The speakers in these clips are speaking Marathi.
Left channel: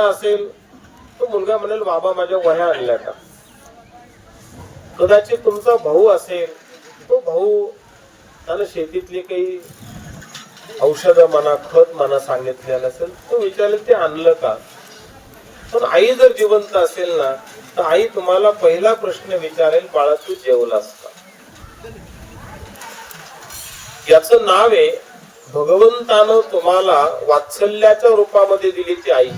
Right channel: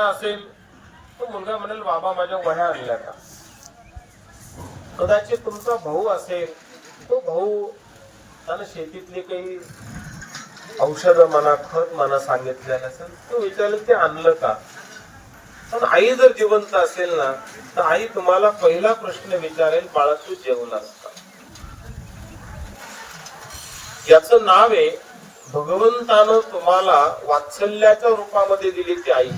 मुलगा असेल तो मुलगा म्हणेल बाबा माझ्या वह्या आणल्या का? कदाचित तुमचा भाऊ असेल तो भाऊ त्याला शेतीतले काही औषधं म्हणा खत म्हणा सांगितलेलं असेल तो विचारेल ते आणलं का? पण आई जर जिवंत असेल ना तर आई तुम्हाला पहिला प्रश्न विचारेल बाळा तू जेवला असता. याच नाव आहे भगवंतानं तुम्हाला वात्सल्याच्या रूपामध्ये दिली ती आई.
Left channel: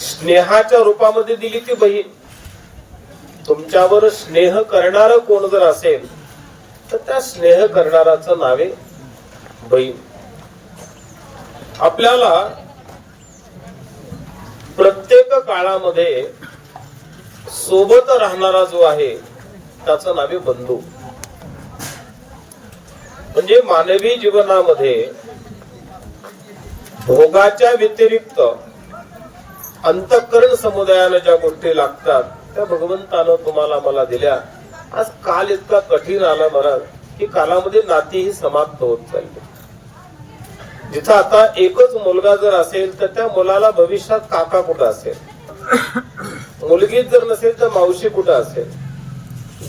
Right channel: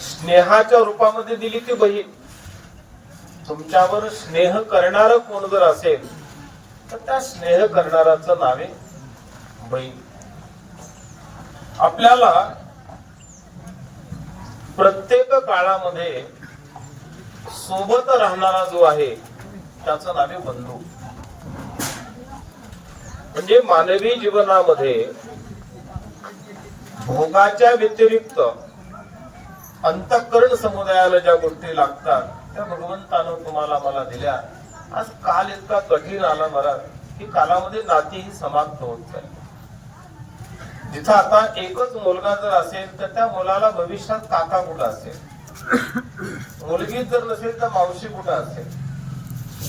स्नेहाच्या रूपामध्ये दिली ती बहीण. तुमच्यावर स्नेह करणार कोण जर असेल तर त्या स्नेह करणाराच नावे बहीण. आपल्याला प्रत्येक काळामध्ये सोबत राहणारा जो आहे त्याचं नावे बंधू. म्हणजे मानवी जीवनामध्ये भोगाच्या व्यतिरिक्त अंतःकरण समुदायाला ज्या गोष्टी लागतात त्या भगवंतानं तुम्हाला मला दिल्या. आज काल इतका कठीण आला महाराज की कालामध्ये नाती ही समाप्त होत चालली. जिथं आता एकच मुलगा जर असेल तर त्या मुलाला भविष्यात काका कुठं असेल? मुलगी जर नसेल तर मावशी कुठं असेल?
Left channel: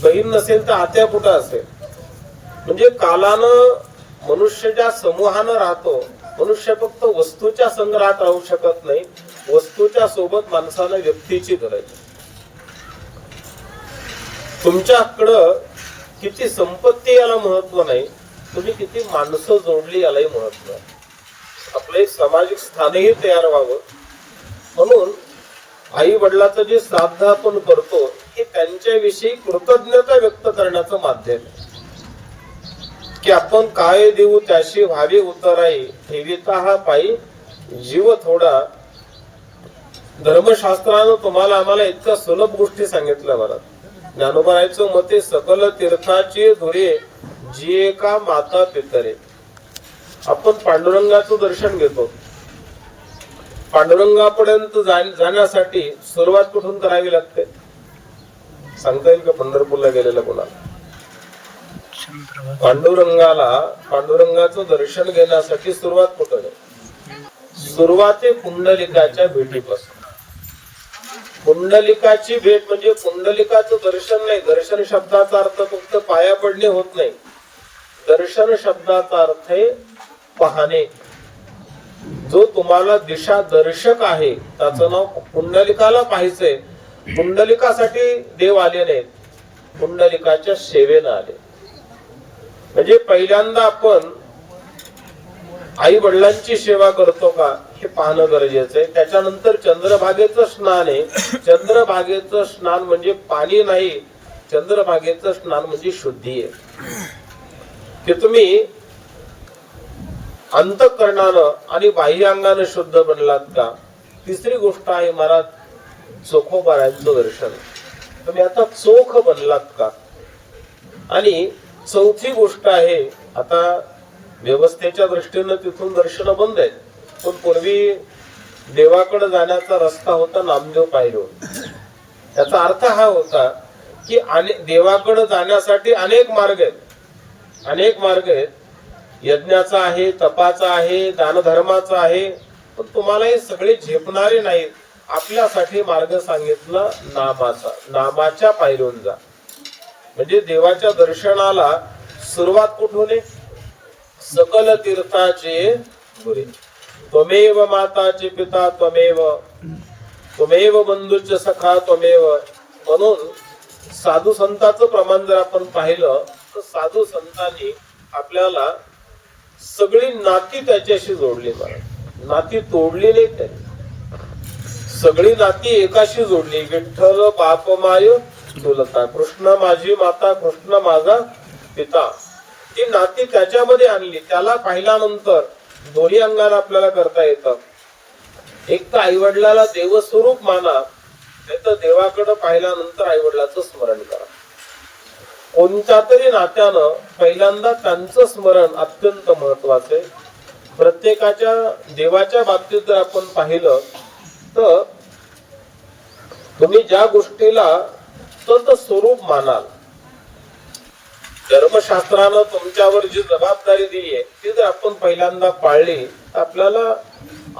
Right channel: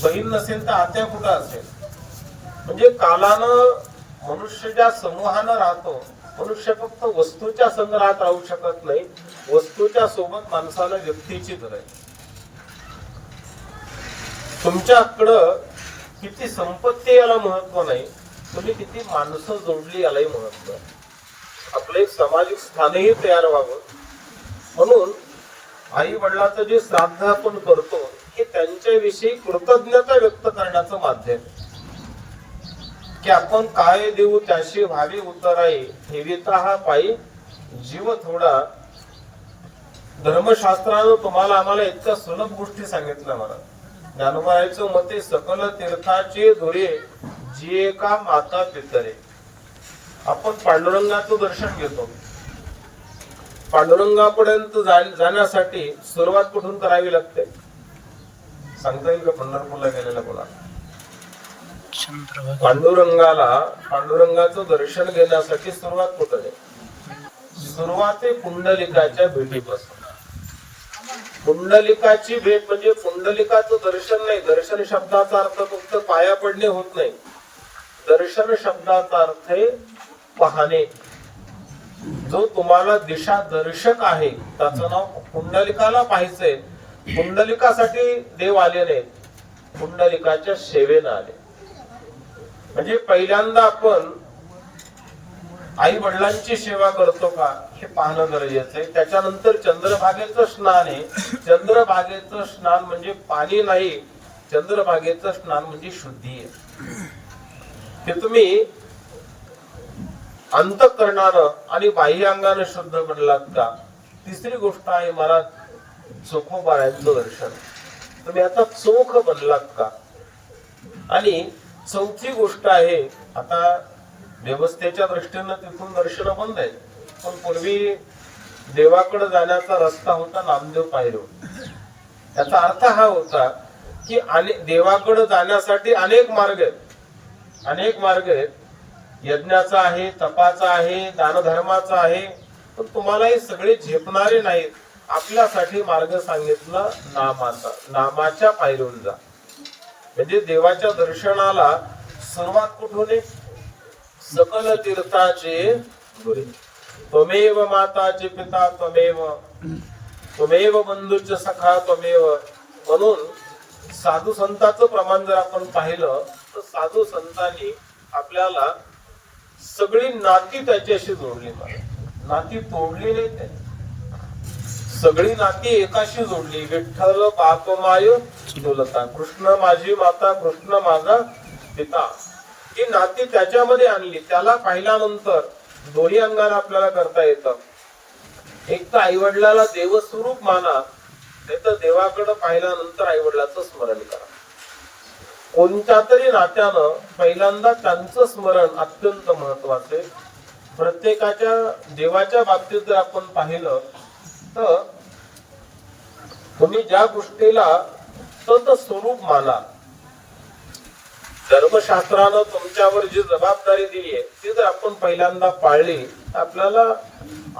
बहीण नसेल तर आत्या कुठं असेल? म्हणजे कालानं मनुष्य ज्या समूहानं राहतो मनुष्य फक्त वस्तूच्या संग्रहात राहू शकत नाही वस्तूच्या सोबत माणसाला व्यक्तीची गरज. तुमच्याकडं किती संपत्ती याला महत्त्व नाही तुम्ही किती माणसं जोडली यालाही महत्त्व आहे आपलं एक सामाजिक स्थानही तयार व्हावं. म्हणून आई वडिलाचं जे श्राद्ध आपण करतो हे त्यांच्याविषयी कृतज्ञता व्यक्त करण्याचं माध्यम. की आपण काय देऊ त्याशी व्हावी उतराई ठेविता हा पायी जीव थोडा धर्मशास्त्रानं तुम्हाला आम्हाला इतक्या सुलभ गोष्टी सांगितल्या मला. ज्ञानोबारायचं मते सकल तीर्थाचे धुरे जिये का माता पितरे. आपण पांडुरंगाचं दर्शन घेतो. पांडुरंगापर्यंत जा- जाण्यासाठी सुरुवात कुठून करावी लागते? सांगता येईल का पंढरपूरला गेलेला कोणाला? चंद्रभागा. पांडुरंगाला पांडुरंगाचं दर्शन घेण्यासाठी सुरुवात कुठं आहे? सुरुवात आहे पुंडलिकाच्या भेटीपासून. पुंडलिकाची भेट म्हणजे पुंडलिकाचं दर्शन नाही. दर्शन शब्दाचा अर्थ फक्त पाया पडणे होत नाही. दर्शन शब्दाचा अर्थ आहे पाहणे. जो तुम्हाला दिशा दर्शक आहे त्याचं नाव पुंडलिकाला पाहायचंय. पुंडलिकासाठी देव आले नाही. पुंडलिकाच्या सेवेनं आले. म्हणजे पहिल्यांदा आपण आई वडिलांची सेवा करतो का हे पाहणं गरजेचं आहे. त्याच्यानंतर चंद्रभागेचं स्नान आहे. चंद्रभागेचं स्नान म्हणजे पाणी नाही. चंद्रभागेचं स्नान म्हणजे शुद्धी आहे. ते तुम्ही अंतकरणानं आणि बाह्यांगानं शुद्ध बनलात का? तिसरी गोष्ट आहे मला चोखोबारांचं दर्शन. तुम्ही आता चोख बनलात का? आणि चौथी गोष्ट आहे आता व्यवस्थेच्या दृष्टीनं तिथून दर्शन बंद आहे. पण पूर्वी देवाकडे जाण्याचा रस्ता होता नामदेव पायरी त्याचा अर्थ हा होता की अने- देवाकडे जाण्यासाठी अनेक मार्ग आहेत. अनेक मार्ग आहेत. यज्ञाचा आहे तपाचा आहे दानधर्माचा आहे. पण तुम्हाला हे सगळे झेपणारे नाहीत. आपल्यासाठी मार्ग सांगितला नामाचा. नामाच्या पायरून जा. म्हणजे देवाच्या दर्शनाला सुरुवात कुठून आहे? सकल तीर्थाचे गुरे. त्वमेव माताचे पिता त्वमेव त्वमेव बंधूचे सखा त्वमेव. म्हणून साधू संताचं प्रमाण जर आपण पाहिलं तर साधू संतांनी आपल्याला सगळी नाती त्याच्याशी जोडली पाहिजे नाती तोडली नाही त्यांनी सगळी नाती एकाशी जोडली. विठ्ठल बापमाय चुलता. कृष्ण माझी माता कृष्ण माझा पिता. ती नाती त्याच्यामध्ये आणली. त्याला पाहिल्यानंतर दोन्ही अंगाने आपल्याला करता येतात एक तर आई वडिलाला देवस्वरूप माना नाही तर देवाकडे पाहिल्यानंतर आई वडिलाचं स्मरण करा. कोणत्या तरी नात्यानं पहिल्यांदा त्यांचं स्मरण अत्यंत महत्वाचं. आहे प्रत्येकाच्या देवाच्या बाबतीत जर आपण पाहिलं तर तुम्ही ज्या गोष्टीला तंत स्वरूप मानाल धर्मशास्त्रानं तुमच्यावर जी जबाबदारी दिली आहे ती जर आपण पहिल्यांदा पाळली तर आपल्याला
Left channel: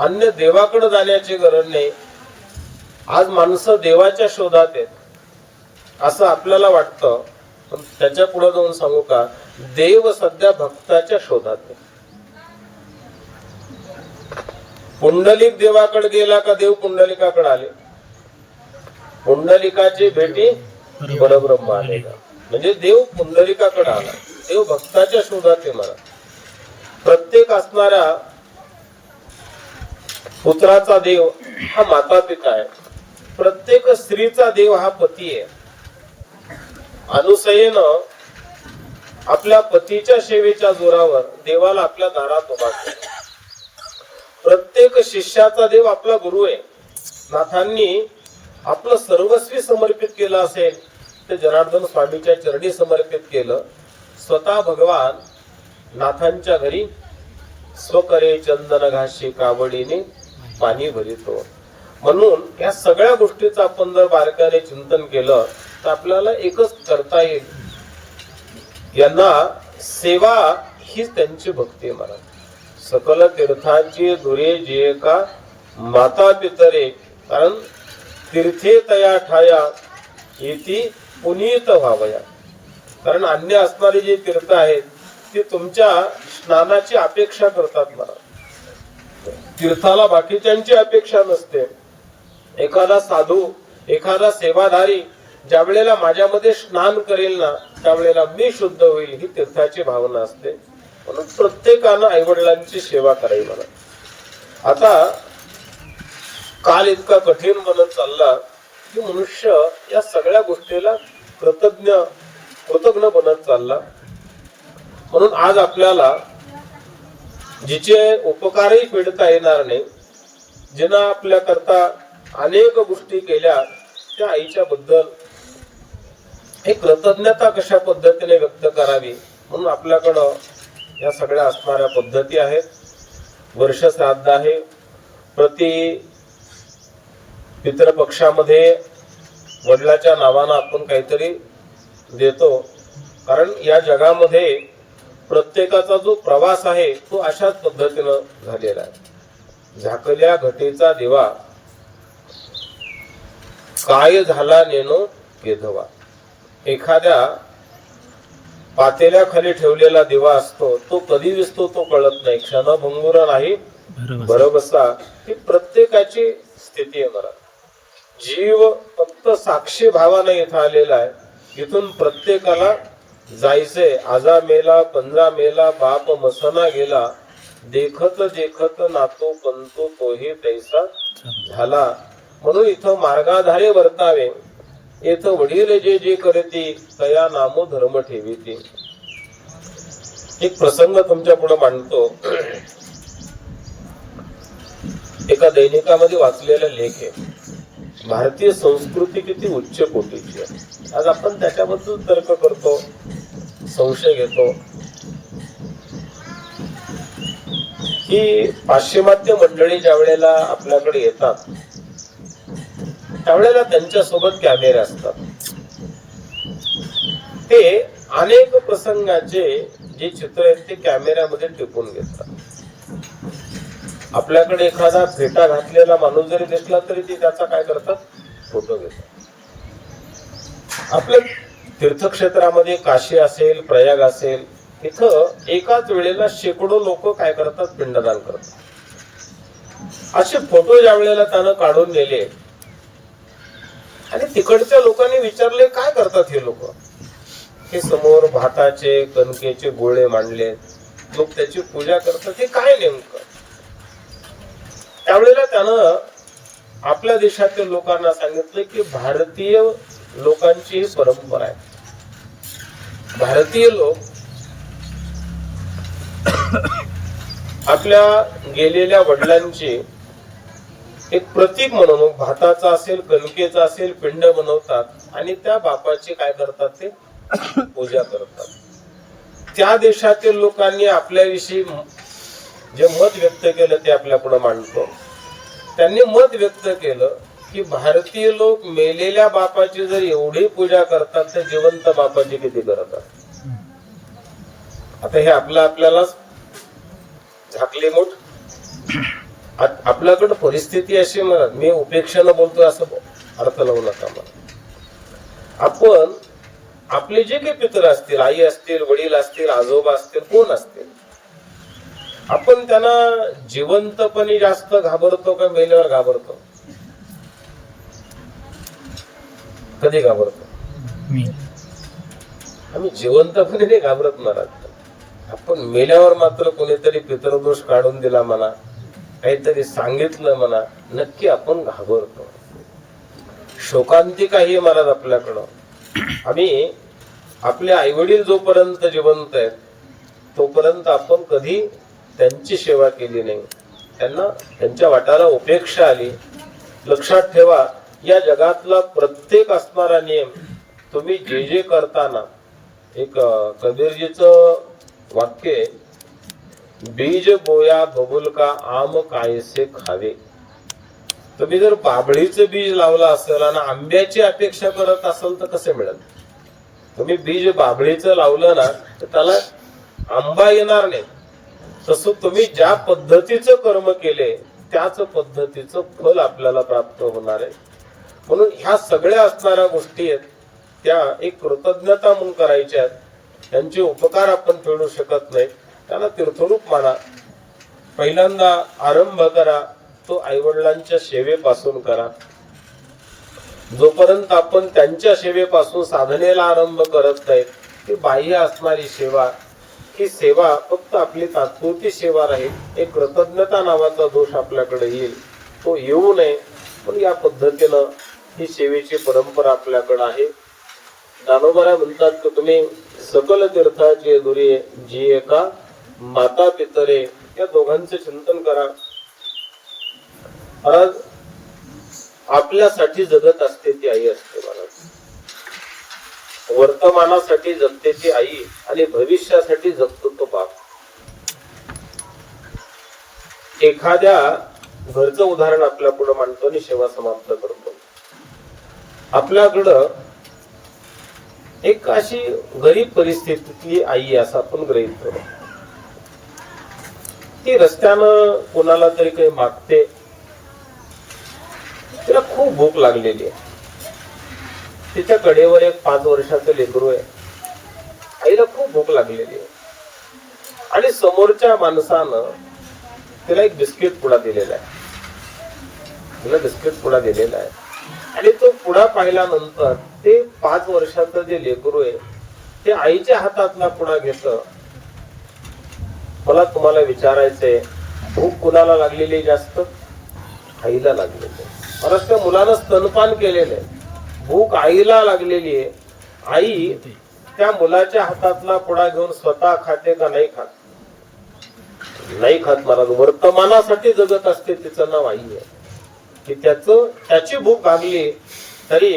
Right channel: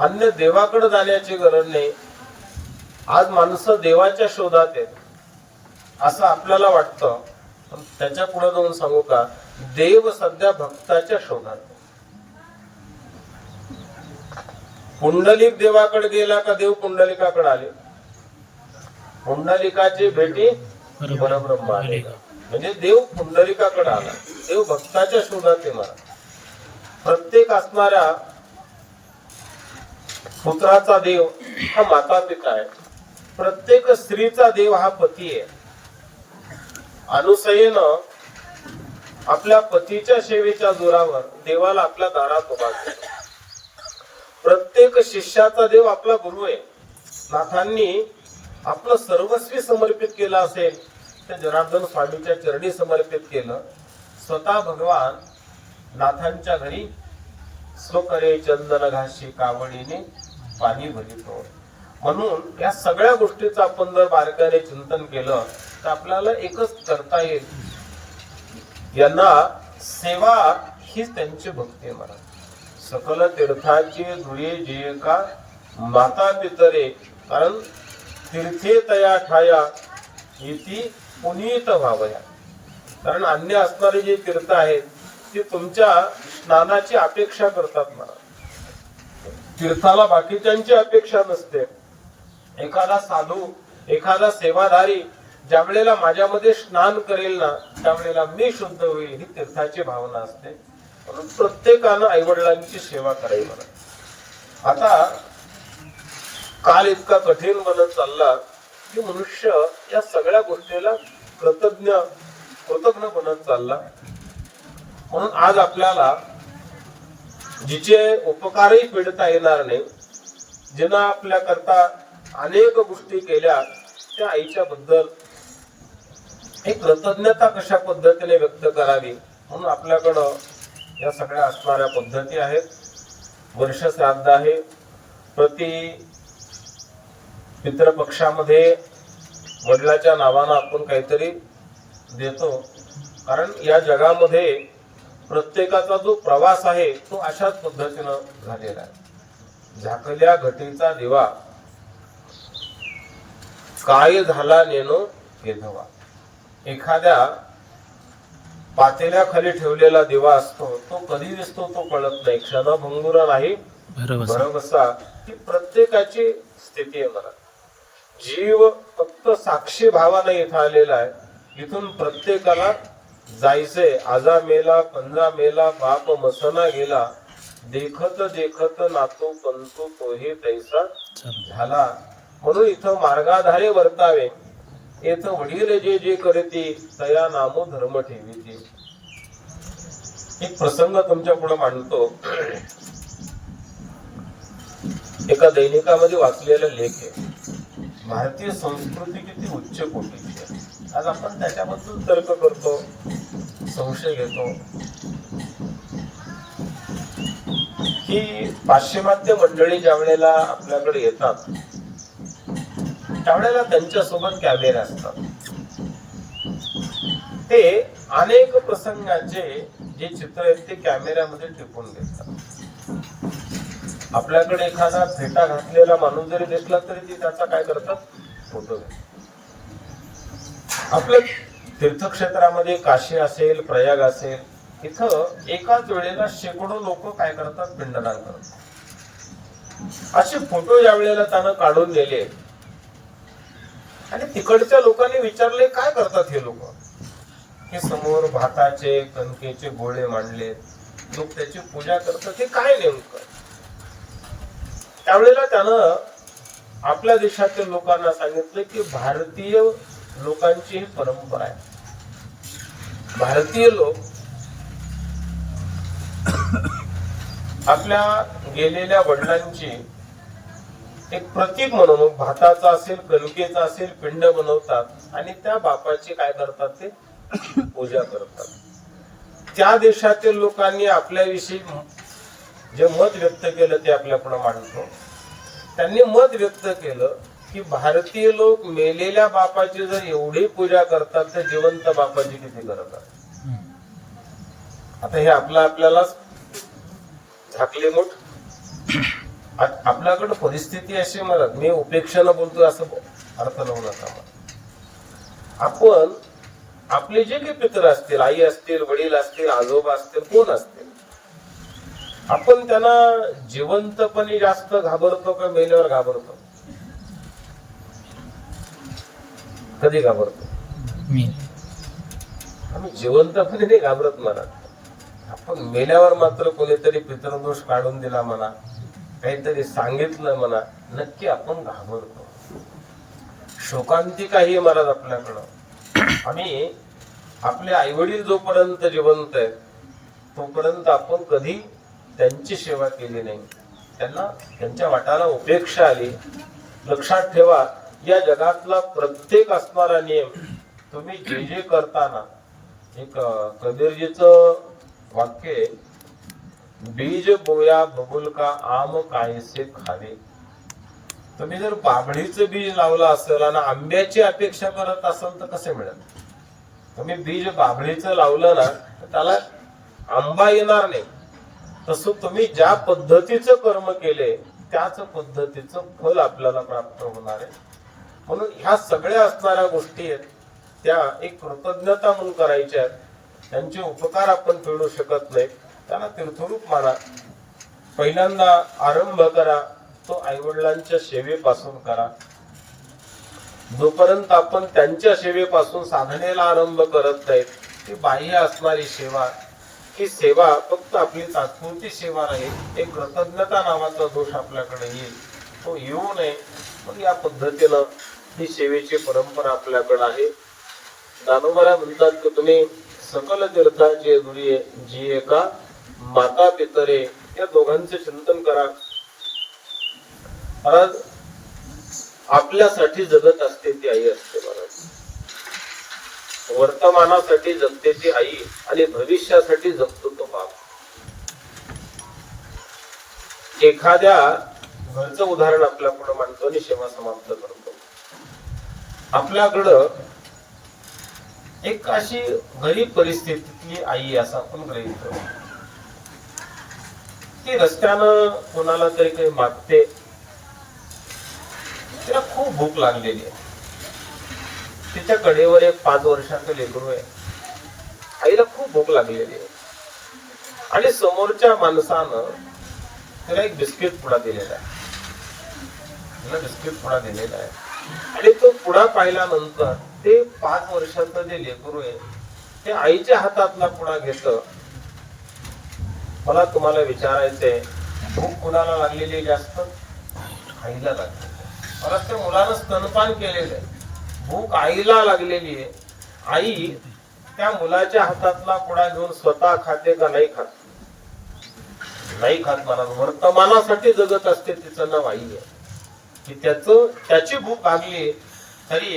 अन्य देवाकडे जाण्याची गरज नाही. आज माणसं देवाच्या शोधात आहेत असं आपल्याला वाटतं. पण त्याच्या पुढे जाऊन सांगू का देव सध्या भक्ताच्या शोधात आहे. पुंडलिक देवाकडे गेला का देव पुंडलिकाकडे आले? पुंडलिकाची भेटी परब्रह्म आले म्हणजे देव पुंडलिकाकडे आला. देव भक्ताच्या शोधात येणार. प्रत्येक असणाऱ्या पुत्राचा देव हा माता पिता आहे. प्रत्येक स्त्रीचा देव हा पती आहे. अनुसयेनं आपल्या पतीच्या सेवेच्या जोरावर देवाला आपल्या दारात उभा प्रत्येक शिष्याचा देव आपला गुरु आहे. नाथांनी आपलं सर्वस्वी समर्पित केलं असेल ते जनार्दन स्वामीच्या चरणी समर्पित केलं स्वतः भगवान नाथांच्या घरी स्वकरे चंदन घाशी कावडीने पाणी भरितो. म्हणून या सगळ्या गोष्टीचं आपण जर बारकाने चिंतन केलं तर आपल्याला एकच करता येईल. यांना सेवा हीच त्यांची भक्ती म्हणा. सकल तीर्थांची धुरे जे का माता पितरे कारण तीर्थे तया ठाया येती पुनीत व्हावया कारण अन्य असणारे जे तीर्थ आहेत ते तुमच्या स्नानाची अपेक्षा करतात मला. तीर्थाला बाकीच्यांची अपेक्षा नसते. एखादा साधू एखादा सेवाधारी ज्या वेळेला माझ्यामध्ये स्नान करेल ना त्यावेळेला मी शुद्ध होईल ही तीर्थाची भावना असते. म्हणून प्रत्येकानं आईवडिलांची सेवा करावी मला आता काल इतका कठीण बनत चालला की मनुष्य या सगळ्या गोष्टीला कृतज्ञ कृतज्ञ बनत चालला. म्हणून आज आपल्याला जिचे उपकारही फेडता येणार नाही जिनं आपल्या करता अनेक गोष्टी केल्या त्या आईच्या बद्दल हे कृतज्ञता कशा पद्धतीने व्यक्त करावी म्हणून आपल्याकडं या सगळ्या असणाऱ्या पद्धती आहेत. वर्ष श्राद्ध आहे. प्रति पितृपक्षामध्ये वडिलाच्या नावानं आपण काहीतरी देतो. कारण या जगामध्ये प्रत्येकाचा जो प्रवास आहे तो अशाच पद्धतीनं झालेला आहे. झाकल्या घटीचा दिवा काय झाला नेनो केधवा. एखाद्या पातेल्या खाली ठेवलेला दिवा असतो तो कधी दिसतो तो कळत नाही. क्षणभंगुर नाही बरोबर. ही प्रत्येकाची स्थिती आहे मला. जीव फक्त साक्षी भावाने इथं आलेला आहे. इथून प्रत्येकाला जायचे आजा मेला पंजा मेला बाप मसना गेला. देखत देखत नातो पंतो तोही तैसा झाला. म्हणून इथं मार्गाधारे वर्तावे. येथ वडील जे जे करते तया नामो धर्म ठेविते. एक प्रसंग तुमच्यापुढे मांडतो. एका दैनिकामध्ये वाचलेला लेख आहे. भारतीय संस्कृती किती उच्च कोटीची आहे? आज आपण त्याच्याबद्दल तर्क करतो संशय घेतो. ही पाश्चिमात्य मंडळी ज्या वेळेला आपल्याकडे येतात त्यावेळेला त्यांच्यासोबत कॅमेरे असतात. ते अनेक प्रसंगाचे जे चित्र आहेत ते कॅमेऱ्यामध्ये टिपून घेतात. आपल्याकडे एखादा फेटा घातलेला माणूस जरी दिसला तरी ते त्याचा काय करतात? फोटो घेतात. आपल्या तीर्थक्षेत्रामध्ये काशी असेल प्रयाग असेल इथं एकाच वेळेला शेकडो लोक काय करतात? पिंडदान करतात. असे फोटो ज्या वेळेला त्यानं काढून नेले आणि तिकडच्या लोकांनी विचारले काय करतात हे लोक? हे समोर भाताचे कणकेचे गोळे मांडले लोक त्याची पूजा करतात हे काय नेमकं? त्यावेळेला त्यानं आपल्या देशातील लोकांना सांगितलं की भारतीय लोकांची ही परंपरा आहे. भारतीय लोक आपल्या गेलेल्या वडिलांची एक प्रतीक म्हणून भाताचा असेल कणकेचा असेल पिंड बनवतात आणि त्या बापाची काय करतात ते? पूजा करतात. त्या देशातील लोकांनी आपल्याविषयी जे मत व्यक्त केलं ते आपल्याकडे मांडतो. त्यांनी मत व्यक्त केलं की भारतीय लोक मेलेल्या बापाची जर एवढी पूजा करतात तर जिवंत बापाची किती करतात आता हे आपलं आपल्यालाच झाकली मोठ. आपल्याकडं परिस्थिती अशी म्हणत मी उपेक्षेनं बोलतोय असं अर्थ लावू नका आपण आपले जे काही पित्र असतील आई असतील वडील असतील आजोबा असतील कोण असतील? आपण त्यांना जिवंतपणे जास्त घाबरतो का मेल्यावर घाबरतो? कधी घाबरतो? मी. आम्ही जिवंतपणे नाही घाबरत मला आपण मेल्यावर मात्र कोणीतरी पितृदोष काढून दिला म्हणा काहीतरी सांगितलं म्हणा नक्की आपण घाबरतो. शोकांतिका ही महाराज आपल्याकडं. आम्ही आपले आईवडील जोपर्यंत जिवंत आहेत तोपर्यंत आपण कधी त्यांची सेवा केली नाही. त्यांना त्यांच्या वाटाला उपेक्षा आली. लक्षात ठेवा या जगातला प्रत्येक असणारा नियम तुम्ही जे जे करताना एक कबीरजीच कबीरजीचं वाक्य आहे, बीज बोया बबुल का आम कायसे खावे. तुम्ही जर बाभळीचं बीज लावलं असेल आणि आंब्याची अपेक्षा करत असाल तर कसं मिळेल? तुम्ही बीज बाभळीचं लावलं ना तर त्याला आंबा येणार नाही. तसं तुम्ही ज्या पद्धतीचं कर्म केले त्याच पद्धतीचं फल आपल्याला प्राप्त होणार आहे. म्हणून ह्या सगळ्या असणाऱ्या गोष्टी आहेत त्या एक कृतज्ञता म्हणून करायच्या आहेत. त्यांचे उपकार आपण फेडू शकत नाही. त्याला तीर्थरूप माना. पहिल्यांदा आरंभ करा. तो आईवडिलांच्या सेवेपासून करा. जोपर्यंत आपण त्यांच्या सेवेपासून साधनेला आरंभ करत नाहीत ती बाह्य असणारी सेवा ही सेवा फक्त आपली तात्पुरती सेवा राहील एक कृतज्ञता नावाचा दोष आपल्याकडे येईल. तो येऊ नये. पण या पद्धतीनं ही सेवेची परंपरा आपल्याकडे आहे. दानोबरा म्हणतात की तुम्ही सकल तीर्थाचे दुरे जी एका माता पितरे या दोघांचे चिंतन करा. आज आपल्यासाठी जगत असते ती आई असते महाराज वर्तमानासाठी जगते ती आई आणि भविष्यासाठी जगतो तो बाप. एखाद्या घरचं उदाहरण आपल्या पुढे मांडतो आणि सेवा समाप्त करतो. आपल्याकडं एक अशी गरीब परिस्थितीतली आई असं आपण गृहीत करू. ती रस्त्यानं कोणाला तरी काही मागते तिला खूप भूक लागलेली आहे. तिच्या कडेवर एक पाच वर्षाचं लेकरू आहे. आईला खूप भूक लागलेली आहे. आणि समोरच्या माणसानं तिला एक बिस्किट पुडा दिलेला आहे. तिला बिस्किट पुडा दिलेला आहे. आणि तो पुडा पाहिल्यानंतर ते पाच वर्षाचं जे लेकरू आहे ते आईच्या हातातला पुडा घेत. मला तुम्हाला विचारायचंय भूक कुणाला लागलेली जास्त? आईला लागलेली आहे. त्या मुलानं स्तनपान केलेलं आहे भूक आईला लागलेली आहे. आई त्या मुलाच्या हातातला पुडा घेऊन स्वतः खाते का नाही खात? नाही खात महाराज. वर्तमानासाठी जगत असते तिचं नाव आई आहे. की त्याच त्याची भूक लागली तरी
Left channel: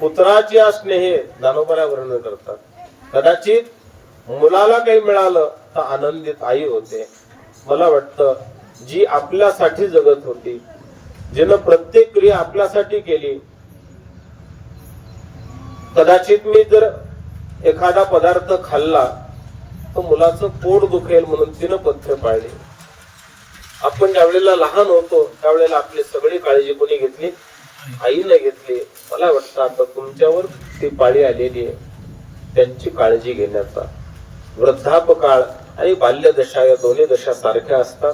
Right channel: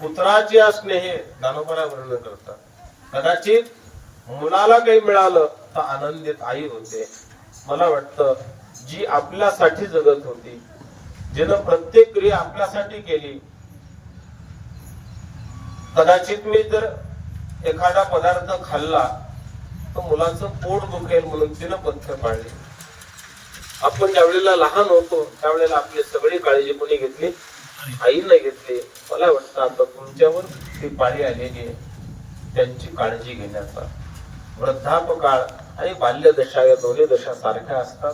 पुत्राची असणे हे दानोबरा वर्णन करतात. कदाचित मुलाला काही मिळालं तर आनंदित आई होते. मला वाटतं जी आपल्यासाठी जगत होती ज्यानं प्रत्येक क्रिया आपल्यासाठी केली कदाचित मी जर एखादा पदार्थ खाल्ला तर मुलाचं पोट दुखेल म्हणून तिनं पथ्य पाळली. आपण ज्यावेळेला लहान होतो त्यावेळेला आपली सगळी काळजी कोणी घेतली? आईने घेतली. मला वाटतं आता तुमच्यावर ती पाळी आलेली आहे. त्यांची काळजी घेण्याचा. वृद्धापकाळ आणि बाल्यदशा या दोन्ही दशा सारख्या असतात.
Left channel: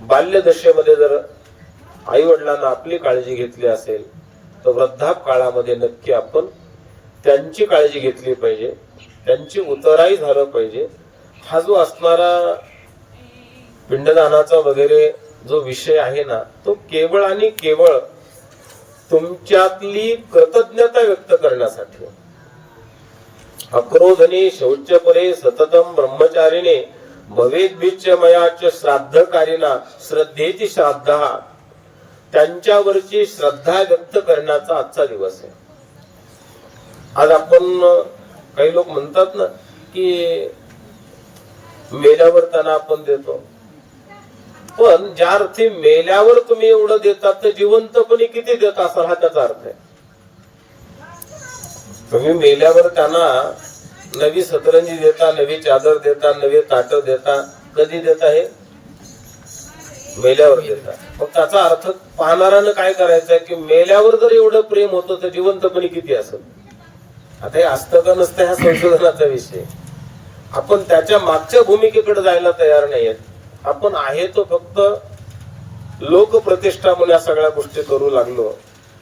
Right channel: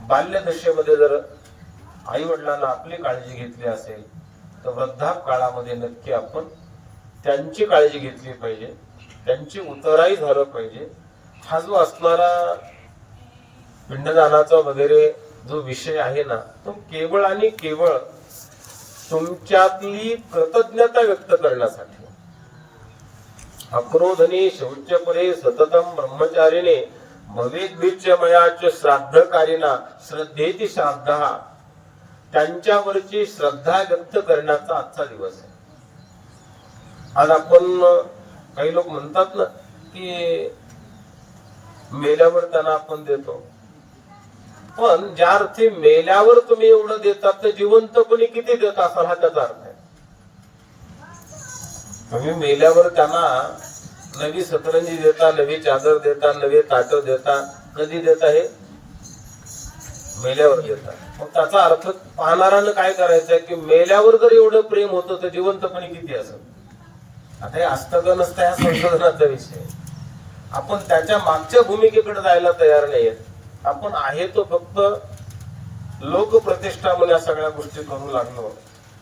बाल्यदशेमध्ये जर आई वडिलांना आपली काळजी घेतली असेल तर वृद्धाप काळामध्ये नक्की आपण त्यांची काळजी घेतली पाहिजे त्यांची उतराई झालं पाहिजे. हा जो असणारा पिंडदानाचा वगैरे जो विषय आहे ना तो केवळ आणि केवळ तुमच्यातली कृतज्ञता व्यक्त करण्यासाठी. अक्रोधने शौचपरे सततम ब्रह्मचारीने भवेद बीच मयाच श्राद्धकारिना श्रद्धेची श्राद्धा. त्यांच्यावरची श्रद्धा व्यक्त करण्याचा आजचा दिवस आहे. आज आपण काही लोक म्हणतात ना की मेल्यावर त्यांना आपण देतो. पण ज्या अर्थी मेल्यावर तुम्ही एवढं देतात तर जिवंतपणे किती देता असा हा त्याचा अर्थ आहे. तुम्ही मेल्यावर त्यांना नवी सतरंजी देता नवी चादर देता नवे ताट देता. कधी देता हे? मेल्यावर देतात. मग त्याचा अर्थ पाहणाऱ्यानं काय करायचं की मेल्यावर जर एवढं प्रेम होतं तर जिवंतपणे किती असत आता हे असतं का नसतं ह्या संशोधनाचा विषय. आपण त्याच्या मागच्या भूमिकेकडे जायला तयार नाहीयेत. आपण आहे तो फक्त लोकप्रतिष्ठा म्हणून या सगळ्या गोष्टी करू लागलो.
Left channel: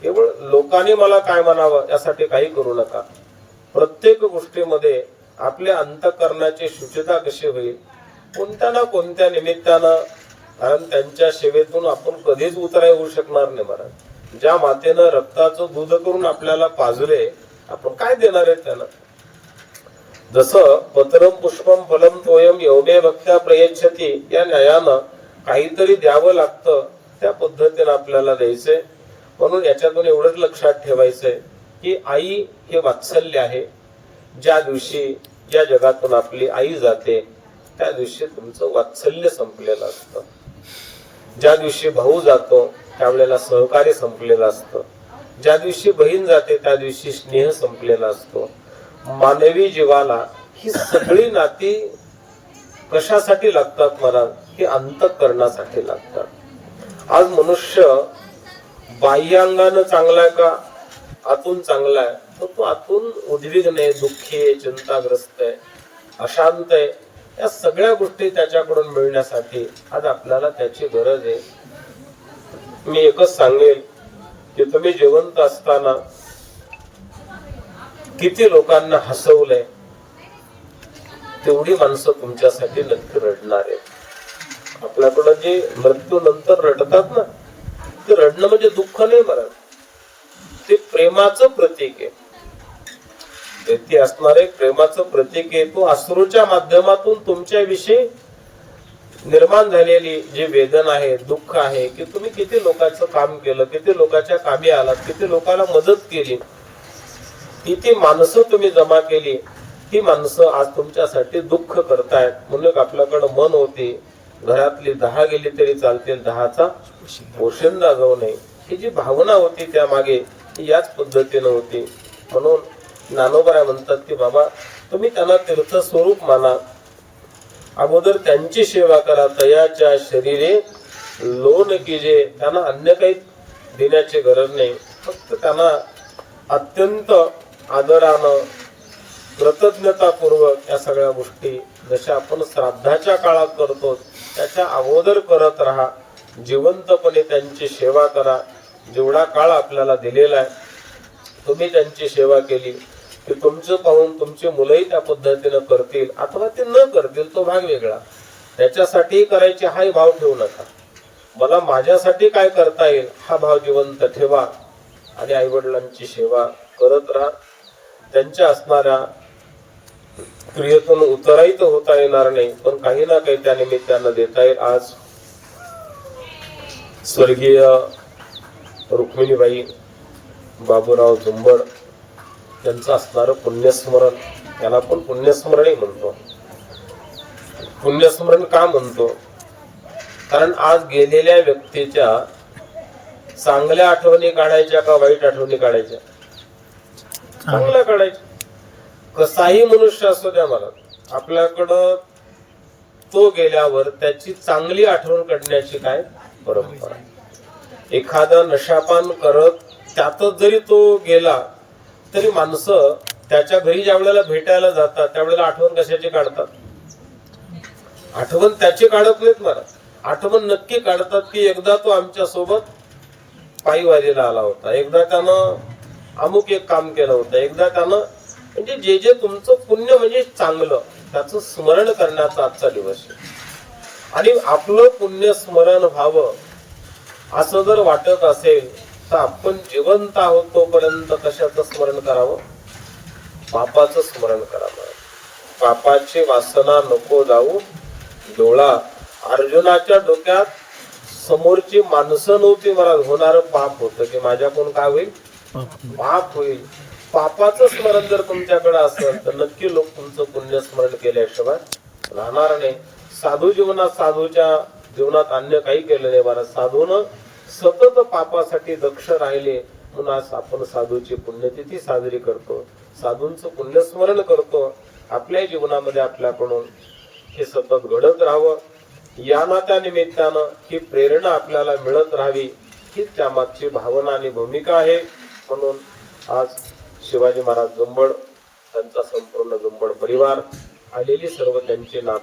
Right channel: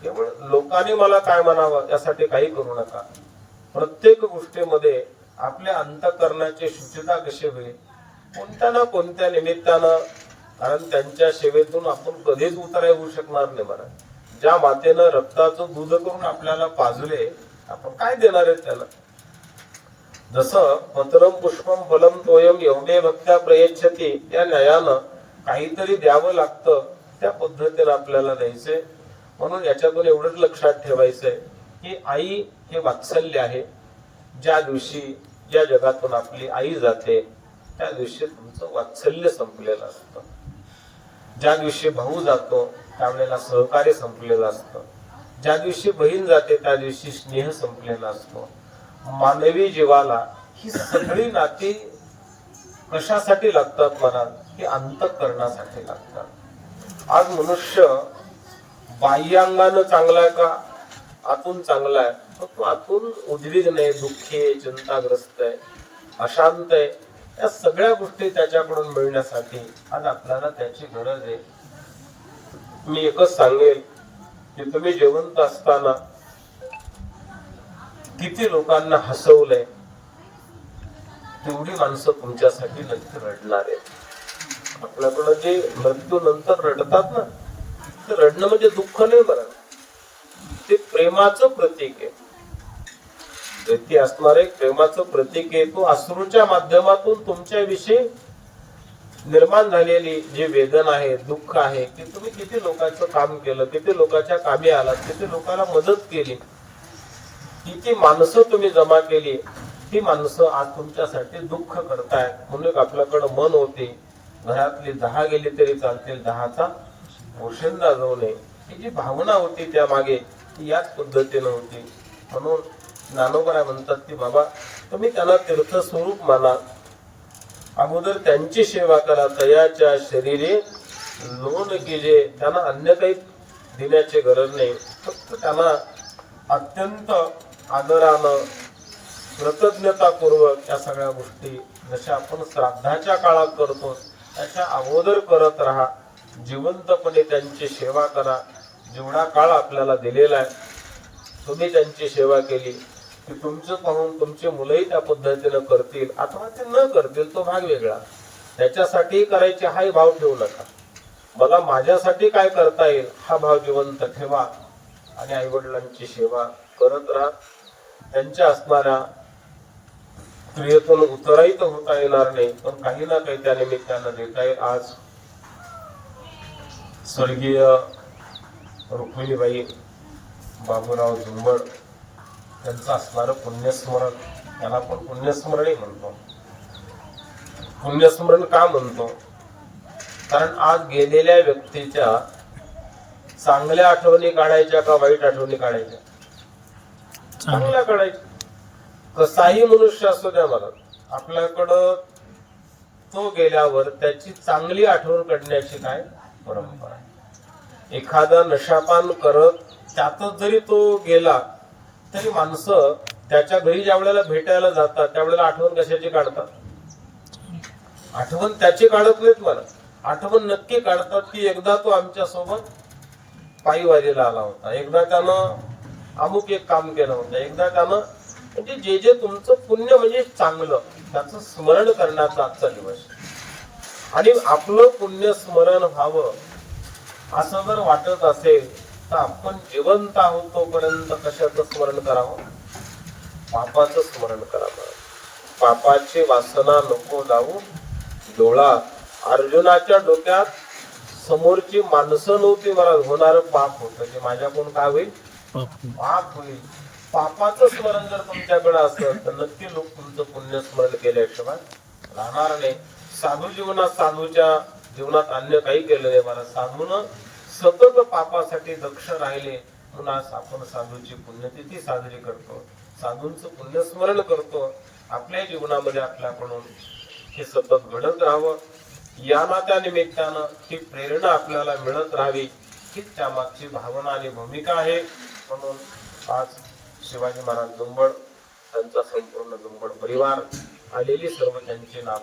केवळ लोकांनी मला काय म्हणावं यासाठी काही करू नका. प्रत्येक गोष्टीमध्ये आपल्या अंतकरणाची शुचिता कशी होईल? कोणत्या ना कोणत्या निमित्तानं कारण त्यांच्या सेवेतून आपण कधीच उतराय होऊ शकणार नाही महाराज ज्या मातेनं रक्ताचं दूध करून आपल्याला पाजले आपण काय देणार आहे त्याला? जसं पत्रम पुष्पम फलम तोयम एवढे भक्त्या प्रयच्छती या न्यायानं काहीतरी द्यावं लागतं त्या पद्धतीनं आपल्याला द्यायचंय. म्हणून याच्यातून एवढंच लक्षात ठेवायचंय की आई हे वात्सल्य आहे. ज्या दिवशी ज्या जगातून आपली आई जाते त्या दिवशी तुमचं वात्सल्य संपलेलं असतं. ज्या दिवशी भाऊ जातो त्यावेळेला सहकार्य संपलेलं असतं. ज्या दिवशी बहीण जाते त्या दिवशी स्नेह संपलेला असतो. मानवी जीवाला ही सगळी नाती कशासाठी लागतात मला ही अंतकरणासाठी लागतात. आज मनुष्य बाह्यांगानं चांगला आहे का? आतून चांगला आहे तर तो आतून उद्विग्न आहे दुःखी आहे चिंताग्रस्त आहे अशांत आहे. या सगळ्या गोष्टी त्याच्याकडून मिळण्यासाठी आज आपल्याला त्याची गरज आहे. मी एकच सांगेल की तुम्ही जिवंत असताना किती लोकांना हसवलंय तेवढी माणसं तुमच्यासाठी नक्की रडणार आहेत. आपल्याकडं जे मृत्यू नंतर रडतात ना ते रडणं म्हणजे दुःख नाही बरं. ते प्रेमाचं प्रतीक आहे. व्यक्ती असणार एक प्रेमाचं प्रतीक आहे. तो अश्रूच्या माध्यमातून तुमच्याविषयी निर्माण झालेली जी वेदना आहे दुःख आहे की तुम्ही किती लोकांचं काम केलं किती लोकांच्या कामी आलात किती लोकांना मदत केली किती माणसं तुम्ही जमा केली ती माणसं आज तुमच्यासाठी दुःख करतायत. म्हणून आपल्याकडं मन होते घरातली दहा गेली तरी चालतील दहाचा पोशिंदा जाऊ नये. ही जी भावना होती त्या मागे ती याच पद्धतीनं होती. म्हणून ज्ञानोबराय म्हणतात की बाबा तुम्ही त्यांना तीर्थ स्वरूप माना. अगोदर त्यांची सेवा करा. तयाच्या शरीरे लोन कीजे त्यांना अन्य काही देण्याची गरज नाही. फक्त त्यांना अत्यंत आदरानं कृतज्ञतापूर्वक या सगळ्या गोष्टी जशा आपण श्राद्धाच्या काळात करतो त्याच्या अगोदर करत राहा. जिवंतपणे त्यांची सेवा करा. जेवढा काळ आपल्याला दिलेला आहे तुम्ही त्यांची सेवा केली. की तुमचं पाहून तुमची मुलंही त्या पद्धतीनं करतील अथवा ते न करतील तो भाग वेगळा. त्याच्यासाठी करायचे हाही भाव ठेवू नका. मला माझ्यासाठी काय करता येईल हा भाव जिवंत ठेवा आणि आई वडिलांची सेवा करत राहा. त्यांच्या असणाऱ्या क्रियेतून उतराई तर होता येणार नाही पण काही ना काही त्या निमित्तानं देता येईल. आज स्वर्गीय रुक्मिणीबाई बाबूराव झुंबड त्यांचं असणारं पुण्यस्मरण त्याला आपण पुण्यस्मरणही म्हणतो. पुण्यस्मरण का म्हणतो? कारण आज गेलेल्या व्यक्तीच्या चांगल्या आठवणी काढायच्या का वाईट आठवणी काढायच्या? चांगल्या काढायच्या. कसाही मनुष्य असू द्या मला आपल्याकडं तो गेल्यावर त्याची चांगली आठवण काढण्याची काय परंपरा एखादा नशापान करत त्यातच जरी तो गेला तरी माणसं त्याच्या घरी ज्या वेळेला भेटायला जातात त्यावेळेला आठवण कशाची काढतात? आठवण त्याची काढत नाहीत मला. आठवण नक्की काढतात की एकदा तो आमच्यासोबत पायी वारीला आला होता. एकदा त्यानं अमुक एक काम केलं होतं. एकदा त्यानं म्हणजे जे जे तुमचं पुण्य म्हणजे चांगलं त्याचं स्मरण करण्याचा आजचा दिवस आणि आपलं पुण्य स्मरण व्हावं असं जर वाटत असेल तर आपण जिवंत आहोत तोपर्यंत कशाचं स्मरण करावं? पापाचं स्मरण करावं. पापाची वासना नको जाऊ. डोळा अर्जुनाच्या डोक्यात समोरची माणसं नव्हती मला होणार पाप होतं. की माझ्याकडून काय होईल? पाप होईल. पापाचं स्मरण जर तुमच्याकडे असेल तर नक्की लोक तुमचं पुण्य स्मरण केल्याशिवाय राहणार नाही. साधू जीवनात साधूच्या जीवनात अन्य काही केलं नाही मला साधून सतत पापासाठी दक्ष राहिले म्हणून आज आपण साधूची पुण्यतिथी साजरी करतो. साधूंचं पुण्यस्मरण करतो. आपल्या जीवनामध्ये आपल्याकडून हे सतत घडत राहावं. या नात्या निमित्तानं ही प्रेरणा आपल्याला मिळत राहावी हीच त्यामागची भावना आणि भूमिका आहे. म्हणून आज शिवाजी महाराज जुंबड त्यांचा संपूर्ण जुंबड परिवार आलेली सर्व त्यांची नाव